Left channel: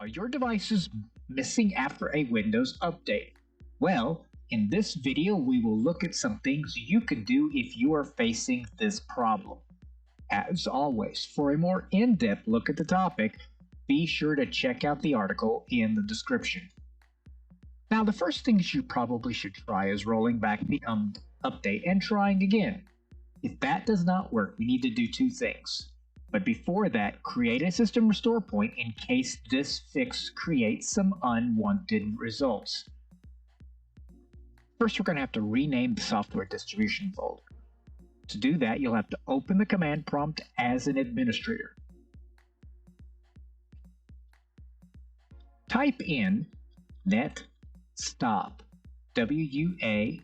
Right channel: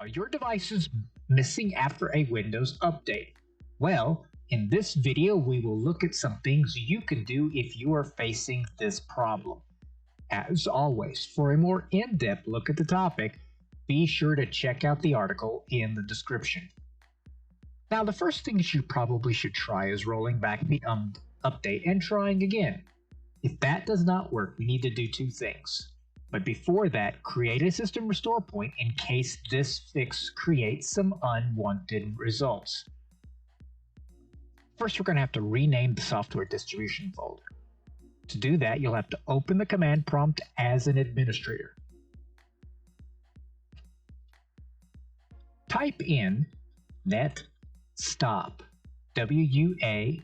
Are your devices missing after a Windows update? Well, in this video, we will look at some things you can do if you are facing this problem. As always, for a more in-depth look at the topic, be sure to check out the article in the description. Now, the first things you probably should try is rolling back the update and trying again. If that does not work, we need to do two things. But before that, create a system restore point in case this fix creates some unwanted results. First, we're going to have to rename the software distribution folder. To do that, you'll have to open the command prompt as an administrator. Type in net stop WUAUSERV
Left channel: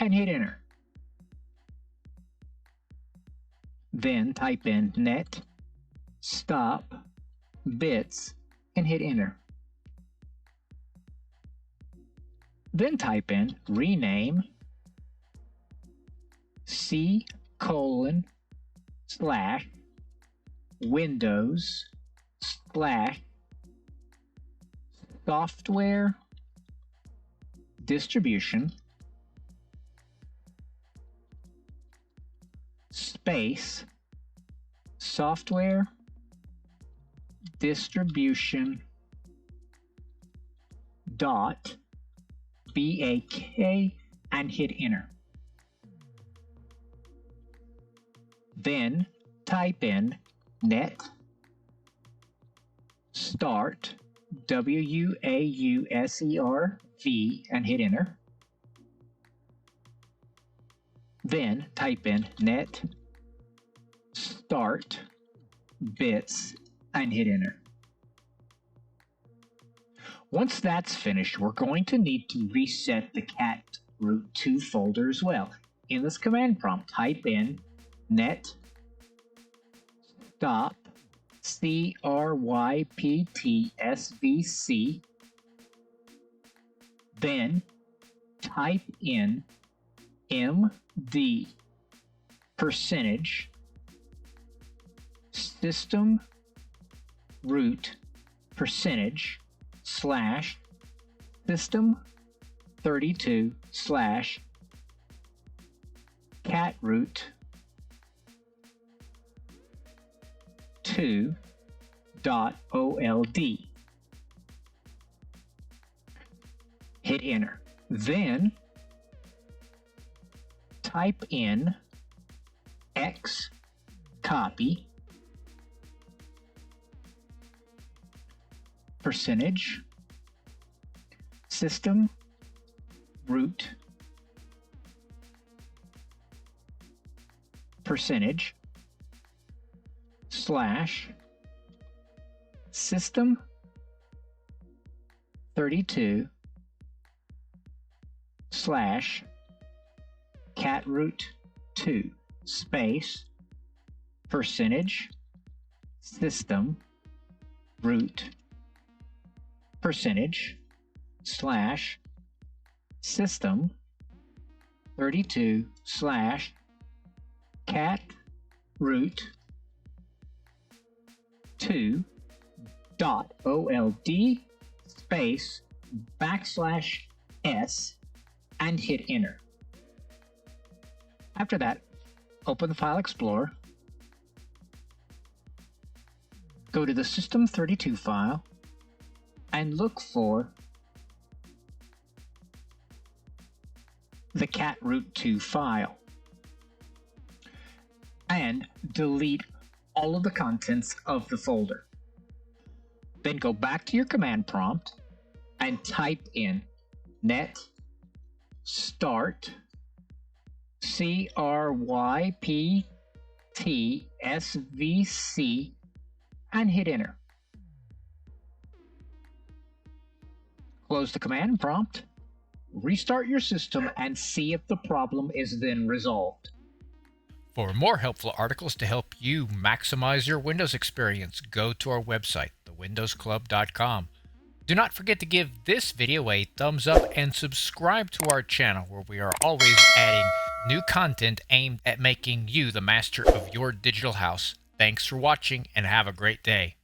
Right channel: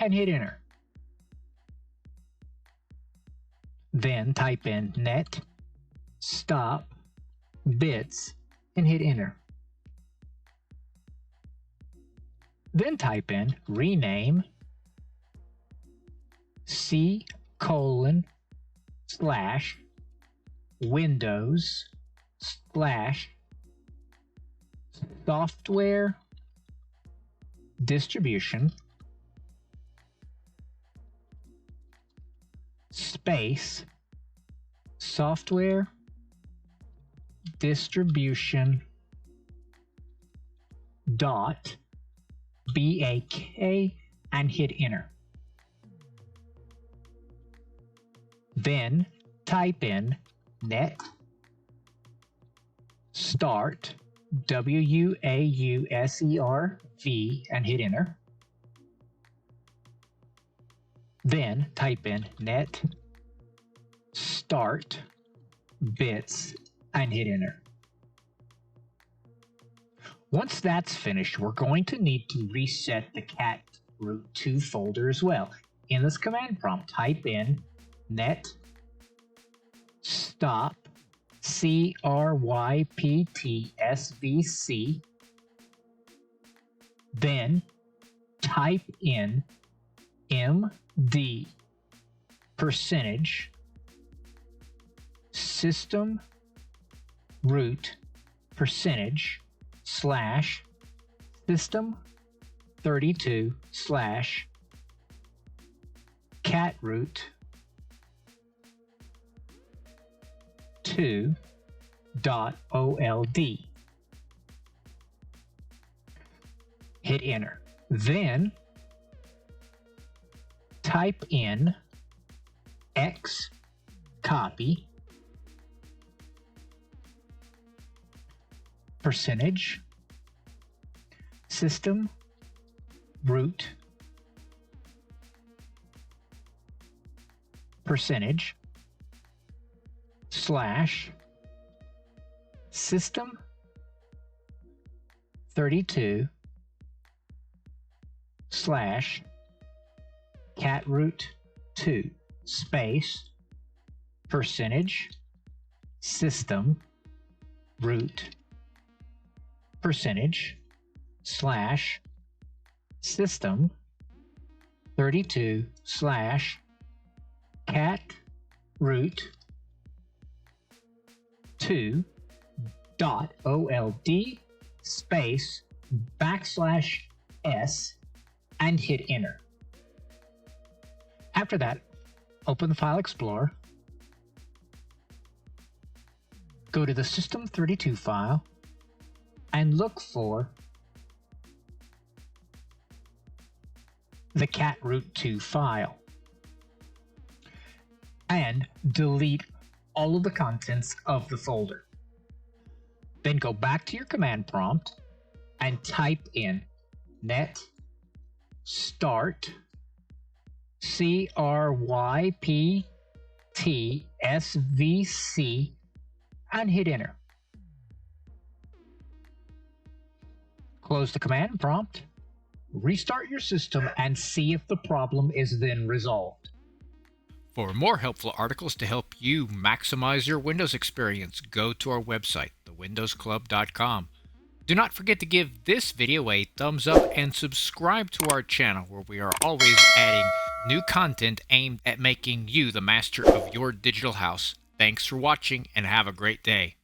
and hit enter. Then type in net stop bits and hit enter. Then type in rename C:/Windows/software distribution space software distribution dot BAK and hit enter. Then type in net start WUAUSERV and hit enter. Then type in net start bits and hit enter. Once that's finished, we're going to need to reset the cat root 2 folder as well. In this command prompt, type in net stop CRYPTSVC, then type in MD percentage system root percentage slash system 32 slash cat root 2.old. Hit enter. Then type in X copy percentage system root percentage slash system 32 slash cat root 2 space percentage system root percentage slash system 32 slash cat root 2.old space \s and hit enter. After that, open the File Explorer, go to the System32 file, and look for the cat root 2 file, and delete all of the contents of the folder. Then go back to your command prompt and type in net start CRYPTSVC and hit enter. Close the command prompt, restart your system, and see if the problem is then resolved. For more helpful articles to help you maximize your Windows experience, go to our website, thewindowsclub.com. Do not forget to give this video a thumbs up and subscribe to our channel, where we are always adding new content aimed at making you the master of your digital house. Thanks for watching and have a great day.